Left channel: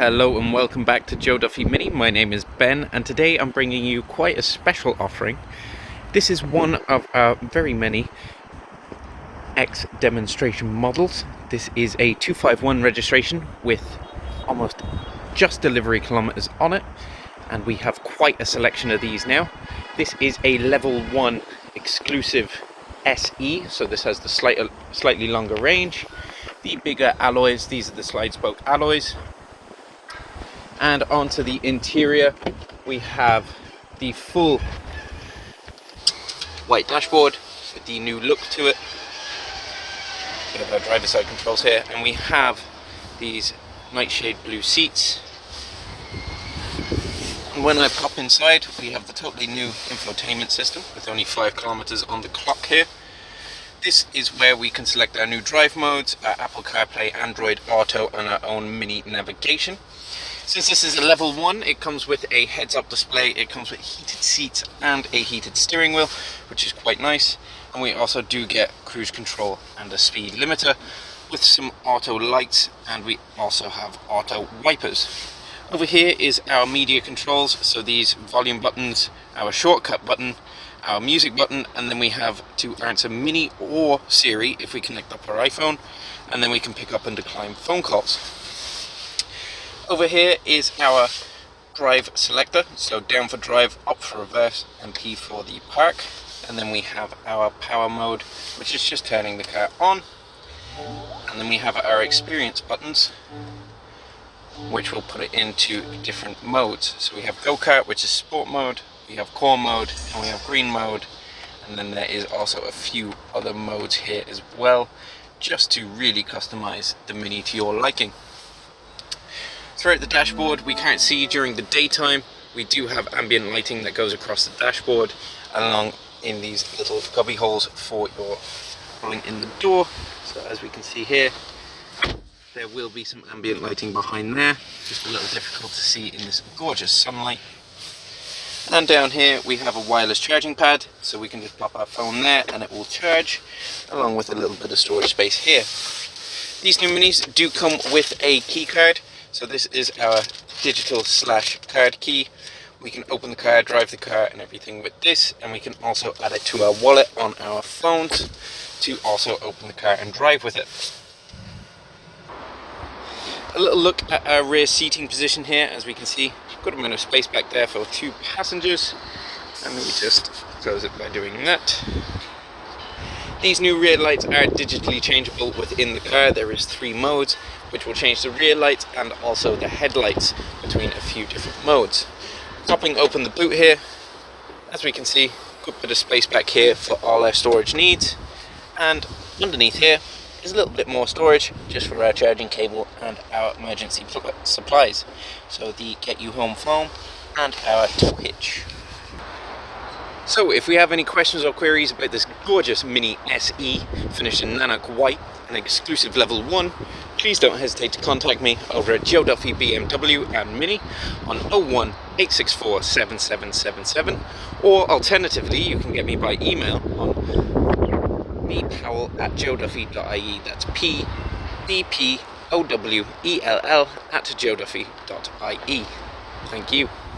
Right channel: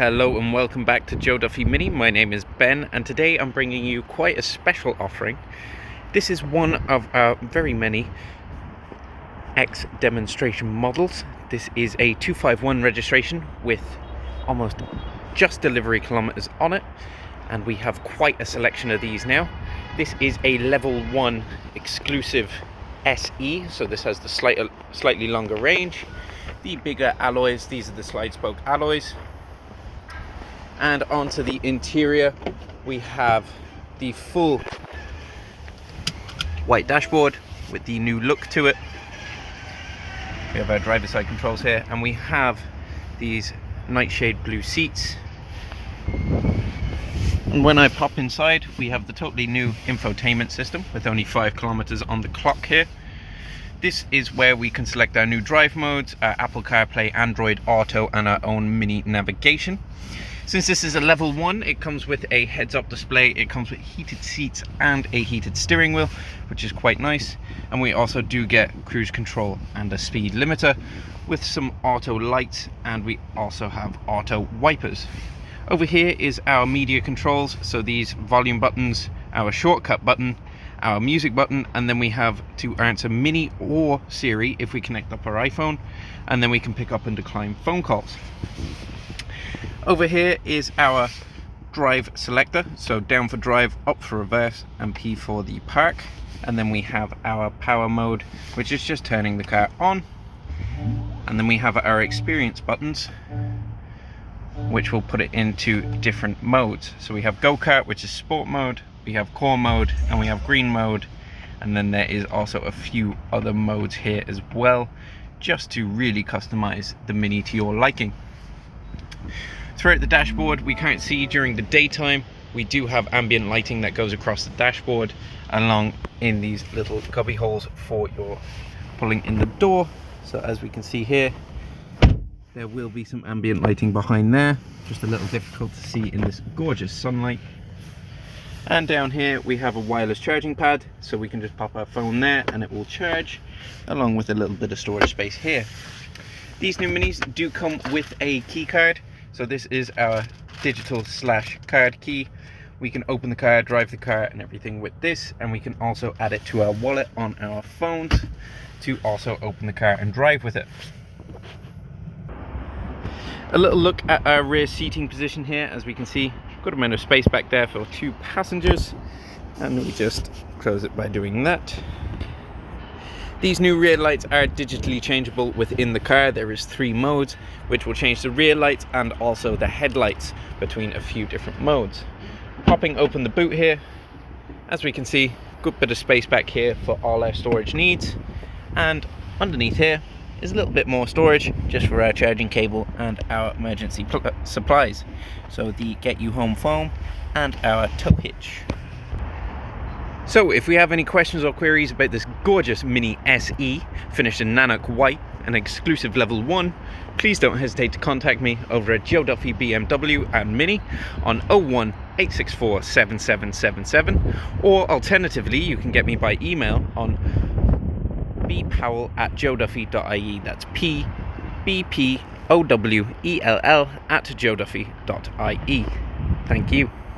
Hello and welcome back to Joe Duffy MINI. My name is Ben and today I'm bringing you quite a special offering. This is one of our very many X demonstration models. This is a 251 registration with almost just delivery kilometers on it, and we have quite a selection of these now. This is a level 1 exclusive SE, so this has the slightly longer range, the bigger alloys. These are the slide spoke alloys. And onto the interior, we have the full white dashboard with the new look to it. We have our driver's side controls here, and we have these nightshade blue seats. And when I pop inside, we have the totally new infotainment system with only 5 kilometers on the clock here. This is where we can select our new drive modes, our Apple CarPlay, Android Auto, and our own mini navigation. Since this is a level 1, it comes with a heads-up display, it comes with heated seats and a heated steering wheel, which is quite nice. And we also do get cruise control and a speed limiter with some auto lights, and we also have auto wipers. Over here is our media controls, so these volume buttons, our shortcut button, our music button, and then we have to answer Mini or Siri if we connect up our iPhone, and then we can pick up and decline phone calls. Over here is our drive selector, so down for drive, up for reverse, and P for the park. And then we have our power mode, which is just turning the car on. And then we have our experience buttons, which will put it into different modes. So we have go-kart, which is sport mode, we have core mode, and we have green mode. And then there is also a few other modes here as well, just to really customize the Mini to your liking. Throughout the dashboard, we can't see during the daytime. We do have ambient lighting that goes across the dashboard along in these little cubby holes for your pulling in the door. So as we can see here, there will be some ambient lighting behind there, just a little difficult to see in this gorgeous sunlight. And down here we have a wireless charging pad, so we can just pop our phone there and it will charge, along with a little bit of storage space here. These new Minis do come with a key card. So this is our digital / card key. We can open the car, drive the car and everything with this, and we can also add it to our wallet on our phones to also open the car and drive with it. A little look at our rear seating position here. As we can see, good amount of space back there for 2 passengers, and we just close it by doing that. These new rear lights are digitally changeable within the car. There is 3 modes, which will change the rear lights and also the headlights between a few different modes. Popping open the boot here, as we can see, good bit of space back here for all our storage needs. And underneath here is a little bit more storage just for our charging cable and our emergency supplies. So the Get You Home foam and our tow hitch. So if we have any questions or queries about this gorgeous Mini SE finished in Nanook White, an exclusive level 1, please don't hesitate to contact me over at Joe Duffy BMW and Mini on 01864 7777, or alternatively you can get me by email on bpowell@joeduffy.ie. That's PBPOWELL @joeduffy.ie. Thank you.